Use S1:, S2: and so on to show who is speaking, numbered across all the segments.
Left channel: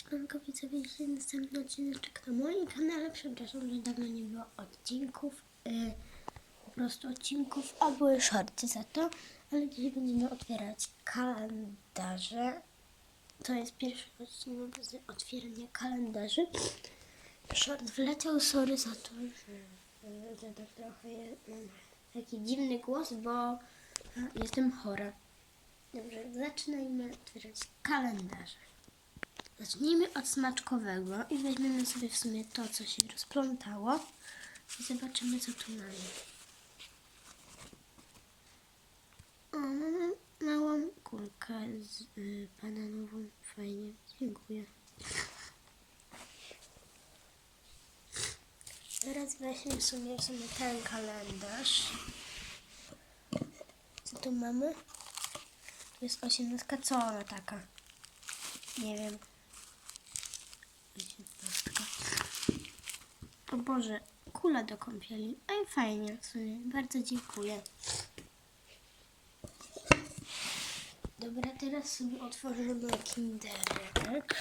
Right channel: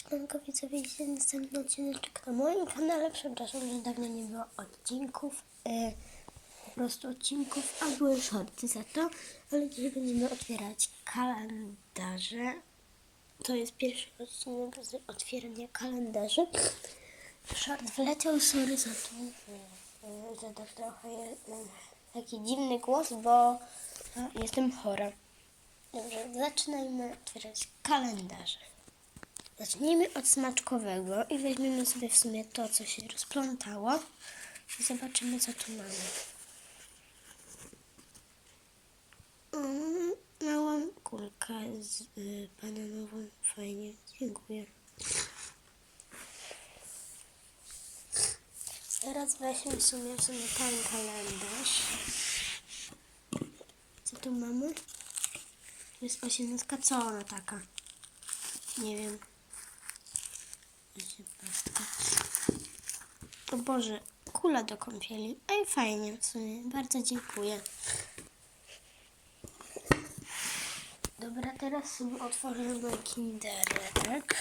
S1: Siemanko widzowie, dzisiaj następny odcinek na moim kanale. Przepraszam, że dawno nie było odcinków. y, po prostu odcinków, a były shorty za to. Ale dzisiaj będziemy otwierać kalendarze. To jest pierwszy odcinek z otwierania kalendarzy. Short wleciał, sorry za to, że, y, że tak trochę mam taki dziwny głos, bo jestem chora. Dobrze, zaczynajmy otwierać kalendarze. Zacznijmy od smaczkowego i weźmiemy sobie w sumie to, co się rozplątało i zobaczymy, co tu mamy. Mm, Małą kulkę z y, bananową. Fajnie, dziękuję. Teraz weźmy w sumie, w sumie ten kalendarz. Co tu mamy? Jest osiemnastka. Co ona taka? Nie wiem. O Boże, kula do kąpieli. Ej, fajnie w sumie. Bardzo dziękuję. Dobra, teraz sobie otworzymy kinderek.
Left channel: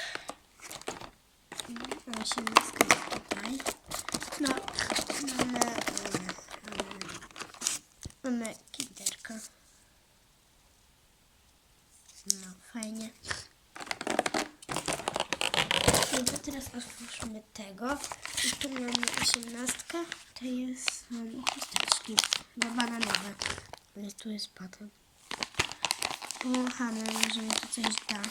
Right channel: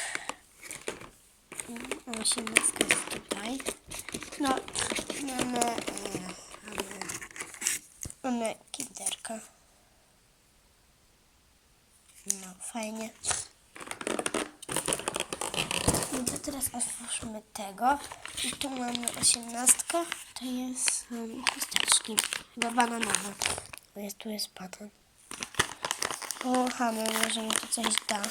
S1: Mm, Osiemnastka jest tutaj. No, mamy, e, mamy, mamy kinderka. No, fajnie. No to teraz otwórzmy tego. I tu mamy osiemnastkę. To jest um, chusteczki. Chyba bananowe. Jest, tu jest banan. Połachamy, może mi to coś da.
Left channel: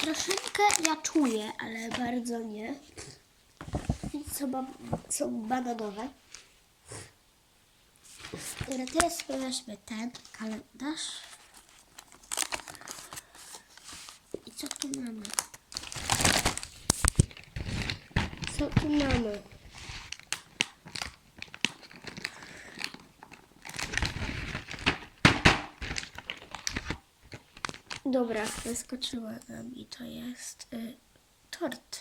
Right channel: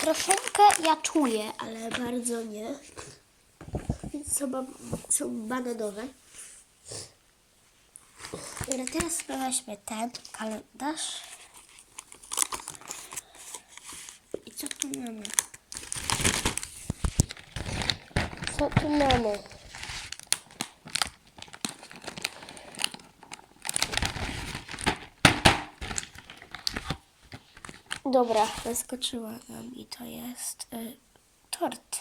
S1: Troszeczkę ja czuję, ale bardzo nie. Więc są, ba- są bananowe. Dobra, teraz sobie weźmy ten kalendarz. I co tu mamy? Co tu mamy? Dobra, zaskoczyła nam i to jest y, tort.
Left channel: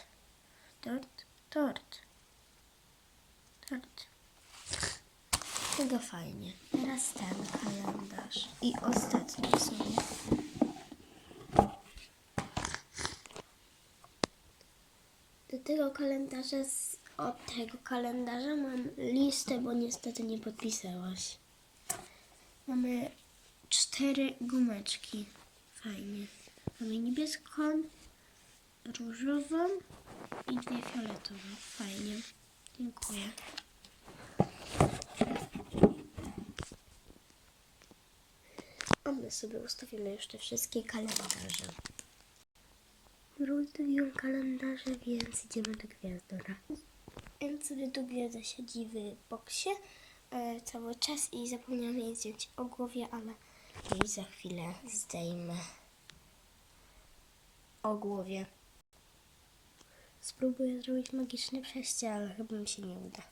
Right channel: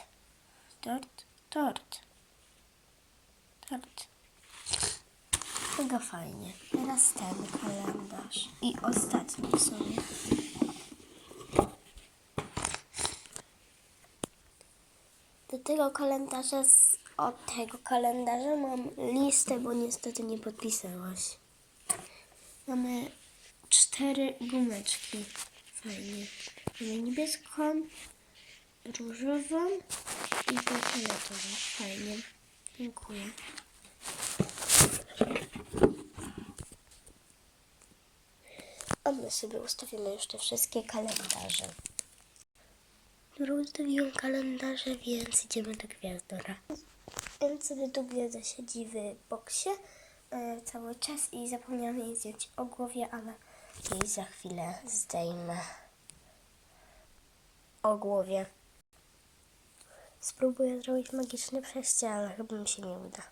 S1: Tort, tort. Tort. Mega fajnie. Teraz ten kalendarz. I ostatni w sumie. Tego kalendarza, z, od tego kalendarza mam listę, bo niestety nie podpisałaś. Mamy cztery gumeczki. Fajnie. Mamy niebieską, różową i fioletową. Fajnie. Dziękuję. A my sobie ustawimy już te wszystkie kalendarze. Dobra, ustawiłam kalendarze, więc idziemy do gwiazdora. Więc sobie tu gwiazda siedzi w boksie e, cały czas i zapomniałam jej zdjąć o głowie, ale jej za chwilę zdejmę o głowie. Spróbuję zrobić magiczne przejście, ale chyba mi się nie uda.